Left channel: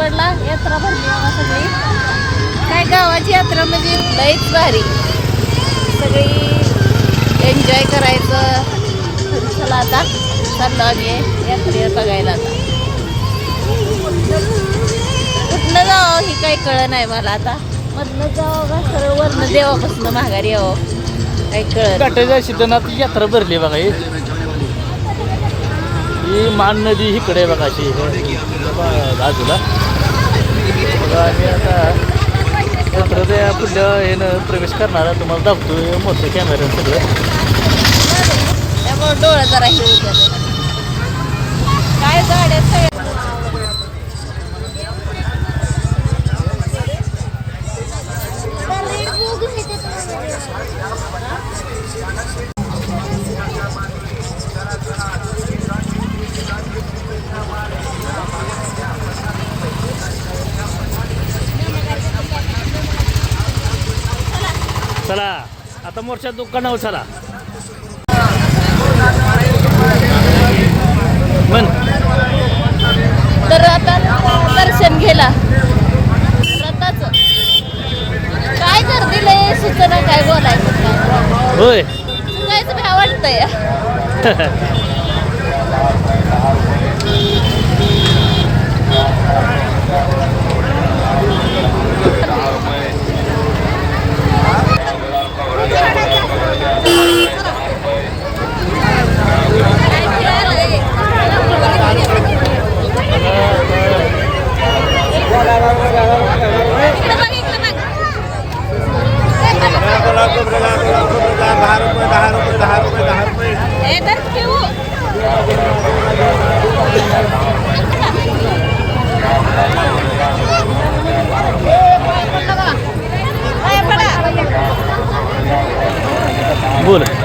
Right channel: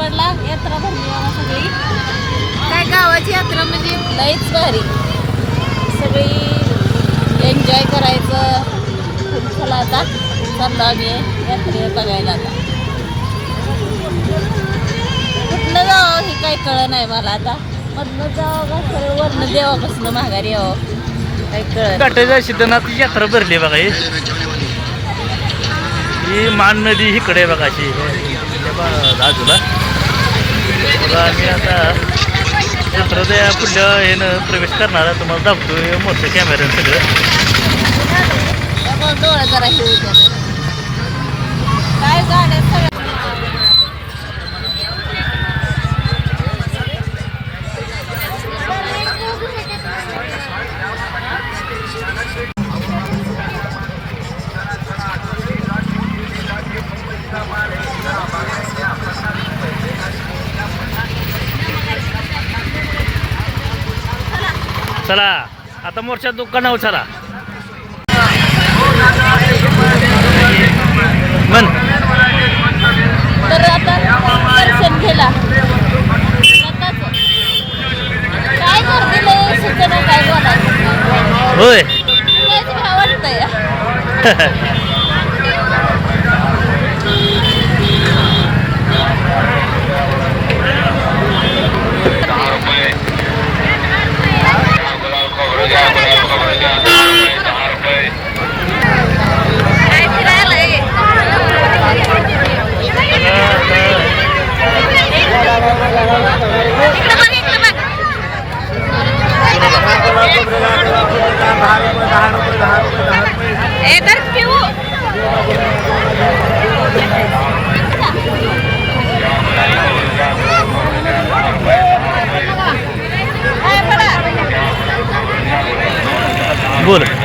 मसवडला यात्रा भरली बाबा सगळी. काय गावाची यात्रा म्हणजे? लईच भारी. सगळी एन्जॉय करायचं. चला आता. चाललो आम्ही यात्रेला बघायला आता. कुठनं जावं हे काही कळ नाही मला आता. मधनं जावं का सरळ वरनं देवापासून माघारी यावं काही कळ काटाच्या सिद्धनाथ यात्रा भरली बघा ही. ही मान नदी इकडे आहे बघा अशी. हे बघा बाजूला बघा आम्ही आता यात्रा पुढल्या येणं प्रवेश करणार आहे. तुम्हाला दाखवतोय मोठं कॅमेरा सगळं त्यामुळे डोळं जरा काय गाड्या चला आता मोर्चा दुकानावर चला. मन तर आता दर्शन रथाचं काय गर्दी लय सुचना काय बोलायचं? होय काय फिरायला आहे? इकडं बघ, इकडं बघ. ए, धर पिऊ. ए, पळा. बोल.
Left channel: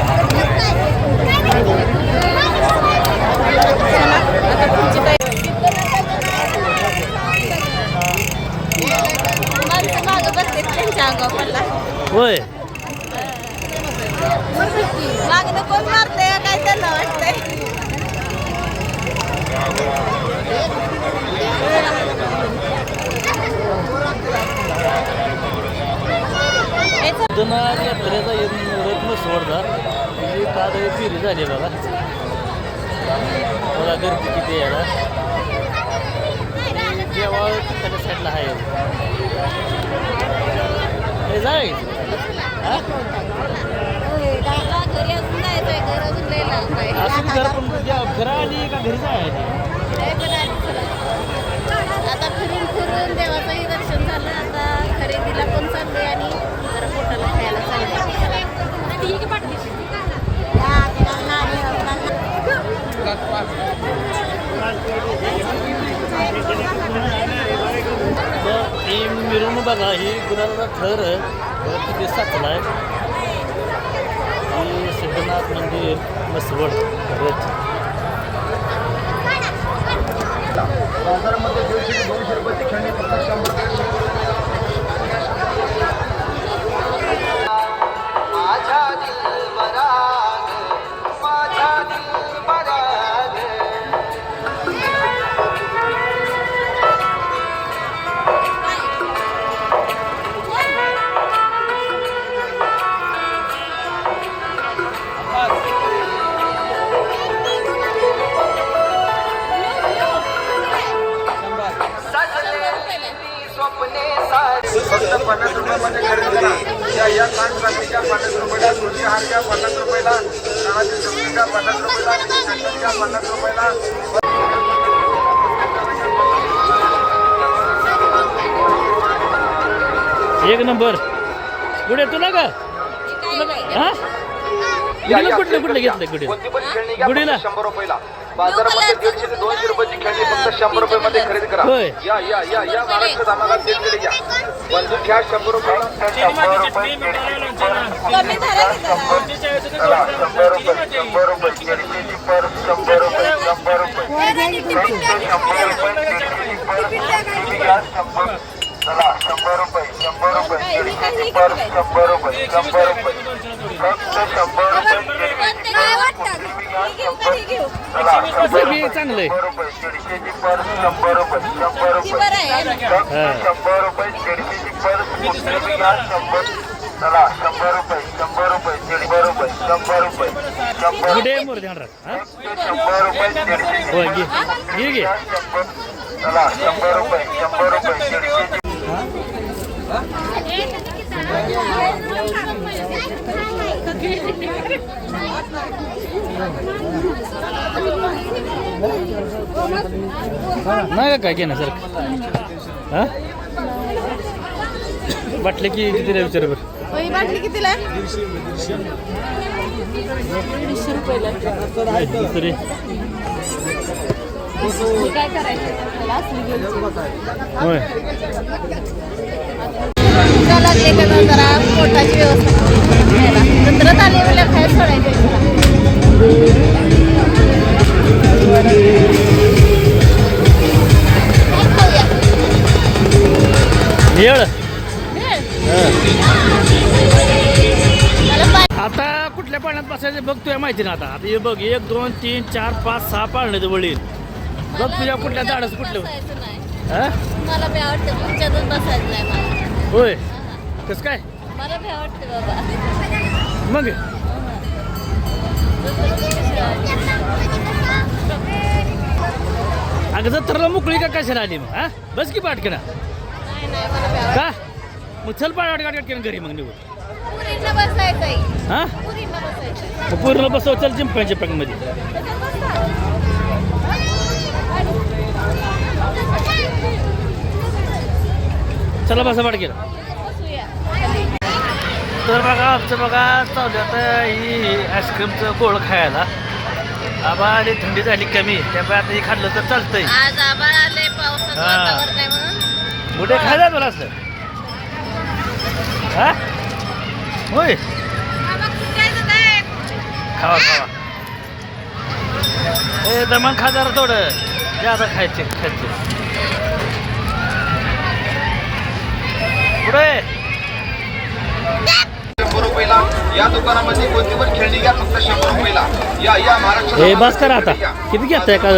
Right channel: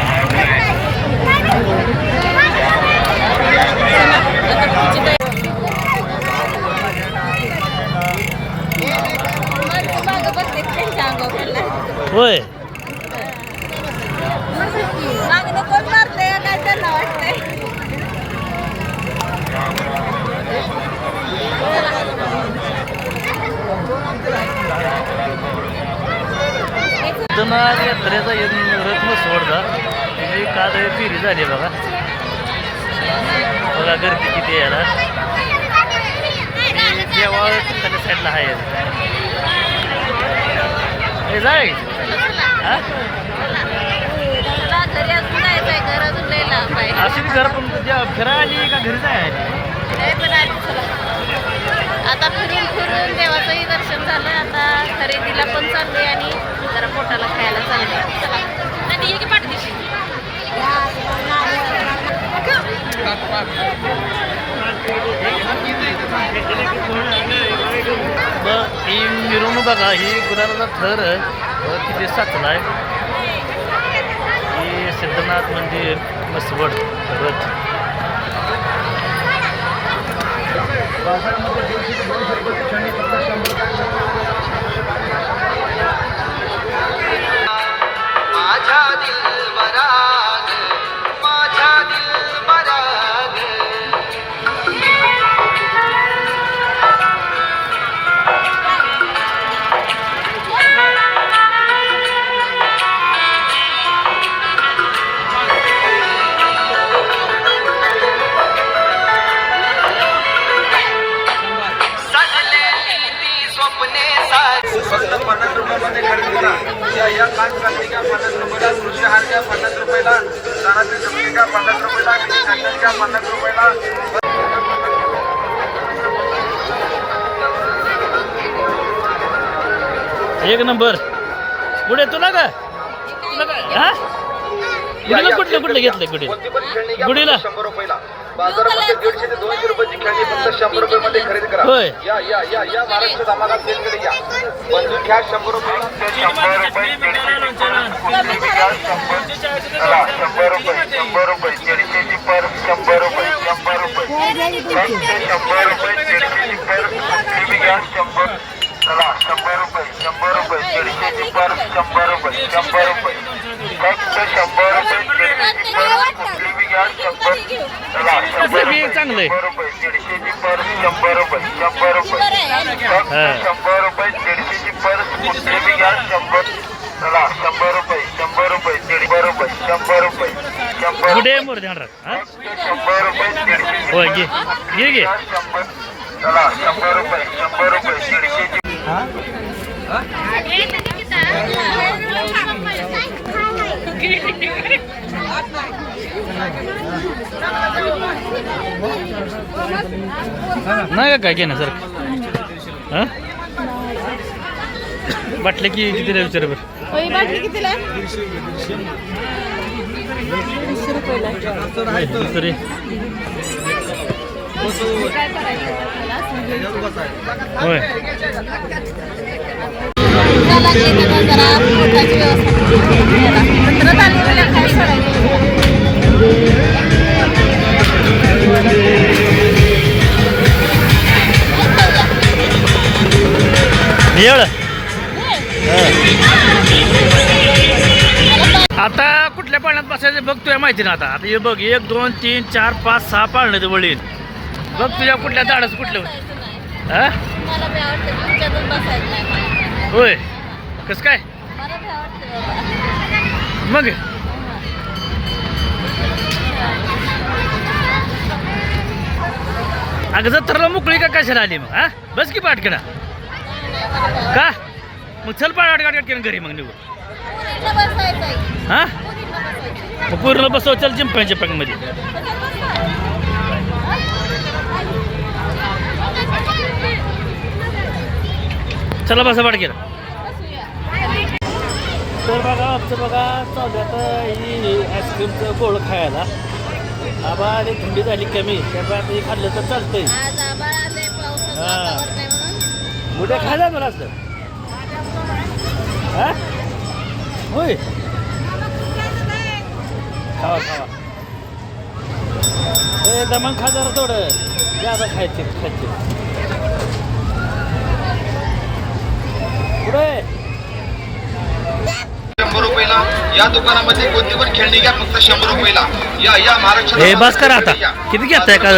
सिद्धनाथ यात्रेचा रत्न सोडला. म्हणजे त्याची काल फेरी झाली बघा. बघा गर्दी किती आहे याला. आणि देवाळ तिकडच्या साईडला आहे. हे जाय. हा? घर पण द्या- फिरा आली का घरी जाय आली? आता फिरून फिरून देवाचंही दर्शन झालं आता खरेदीला पण चाललंय आणि जरा पोटाला खायला चाललोय. चला नदी ये की पाठदिशी मग ही मिरवणूक बघा ही गुलाबाचा थर किती साचला आहे. ही सिद्धनाथ मंदिर मसवड रथ माझ्या पन्नास रुपयामध्ये खरेदी करा. या या कान पत्रिका पन्नास रुपयाला तुळशी हार घ्या पन्नास रुपयाला. कानातील जमिनी घ्या पन्नास रुपयाला. मिनी सँडल घ्या पन्नास रुपयाला. एक नंबर. पुढे तुला का तुला का हा? गुडीला कुठलं कुठलं घेतलं गुढी कोणती पण खेळणी घ्या गुढीला? फक्त शंभर रुपयाला बाजारामध्ये दीडशे ते दोनशे रुपयाची खेळणी फक्त शंभर रुपयामध्ये खरेदी करा होय. या या या या महाराष्ट्र धमाका सेलकडे घ्या बंदूक घ्या शंभर रुपयाला शंभर रुपये कमी झालं शंभर रुपये शंभर रुपये दीडशेची पर शंभर रुपये शंभर रुपये फक्त शंभर रुपये दीडशेची पर टीव्ही घ्या शंभर चला शंभर रुपये शंभर रुपये दीडशेची पर शंभर रुपये शंभर रुपये फक्त शंभर रुपये दीडशेची पर टीव्ही घ्या बी चांगलं आहे. हा. कुठे मोर ध्यान राख हा? शंभर रुपये दीडशेची होय घे घे घे. शंभर चला शंभर रुपये नाही का काय घेणार सर हा? वाटलं की किती विचार बरं? होय बाटली कितीला आहे? दुसरी. होय. जरा मला आता कुठल्या पाण्यात बसायचं बघ तुझ्या माहिती ना आता. आता हे बघ एक दोन तीन चार पाच सहा पाळणे वळील बघ तुझ्या कुठल्या झाडाचं कुठलं होय. कसं काय? मग? अगं जत्रेला मोकळी का कशाला आली मग हा? बस की पाटकना. का? मग चल पाठ गाठ घरी मग आहे. हा? मग पूर्ण बसव चल चिंपांच्या पॅकमध्ये. चला बसा पाठ केला तर बघा आमचं बघा चालू आता ही आईस्क्रीमचं गोळ खायला. आबा आणि थंडी झाली कमी. त्यामुळे आता हे खाल्लं तर चालतंय. आज आभाळ आले खायला तुला सर हा? होय. खावा खावा. ए दमन खा जरा थोडं. जादा खायचे खायचे. पुढे. या दुकानामध्ये कोणती पण खेळणी घ्या फक्त शंभर रुपयाला या या महाराष्ट्र हे बस करा आता. किती घेताय का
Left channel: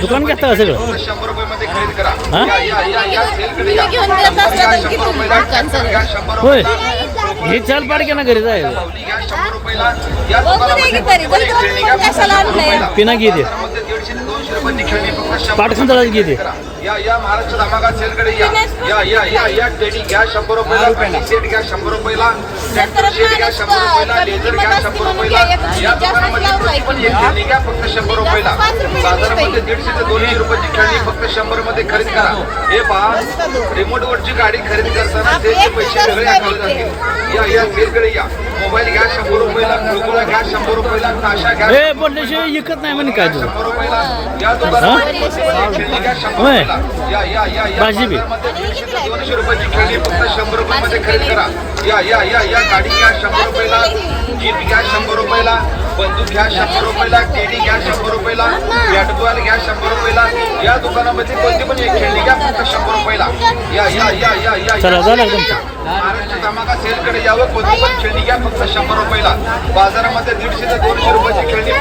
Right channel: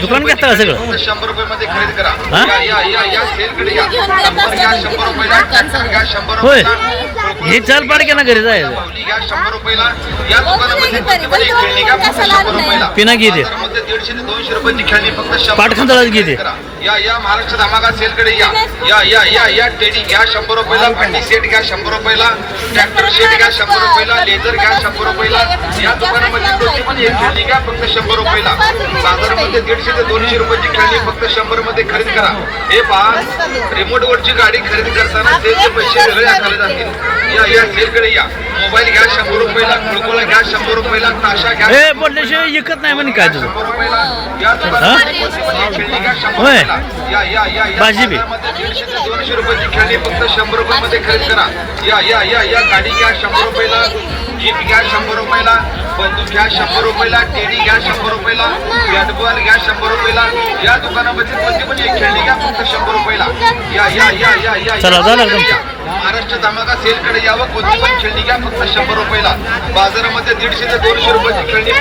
दुकान घेता का सगळं? फक्त शंभर रुपये खरेदी करा. हा? या या या या सेलकडे या. घेऊन येत असला तर किती दुकान शंभर होय. रुपयाला हे चल पाड ना घरी जायचं पावली घ्या शंभर रुपयाला या बघू दुकानामध्ये दे कोणती पण एक खेळणी घ्या फक्त शंभर रुपयाला पिना घे दे. बाजारामध्ये दीडशे ते दोनशे रुपयाची खेळणी फक्त शंभर पाट खांदळाच घे. करा. या या महाराष्ट्र धमाका सेलकडे या. या या या या टेडी घ्या शंभर रुपयाला पाटी सेट घ्या शंभर रुपयाला ट्रॅक्टर सेट घ्या शंभर रुपयाला लेझर घ्या शंभर रुपयाला. या दुकानामध्ये कोणती पण एक खेळणी घ्या फक्त शंभर रुपयाला. बाजारामध्ये दीडशे ते दोनशे रुपयाची खेळणी फक्त शंभरमध्ये खरेदी करा. हे पहा रिमोट वरची गाडी खरेदी करताना सेलचे पैसे वेगळे आकारले जातील या या सेलकडे या. मोबाईल घ्या शंभर कुळकुळा घ्या शंभर रुपयाला ताशा घ्या. हे बोलल्याशिवाय विकत नाही म्हणे काय तुझं? होय. भाजी बी. दोनशे रुपयाची खेळणी फक्त शंभर रुपयामध्ये खरेदी करा. या या या या गाडी घ्या शंभर रुपयाला जीप घ्या शंभर रुपयाला बंदूक घ्या शंभर रुपयाला टेडी घ्या शंभर रुपयाला बॅटबॉल घ्या शंभर रुपयाला या दुकानामध्ये कोणती पण एक खेळणी घ्या फक्त शंभर रुपयाला. या या या या या चला, झालं. महाराष्ट्र धमाका सेलकडे यावं कोणती पण खेळणी घ्या फक्त शंभर रुपयाला. बाजारामध्ये दीडशे ते दोनशे रुपयाची खेळणी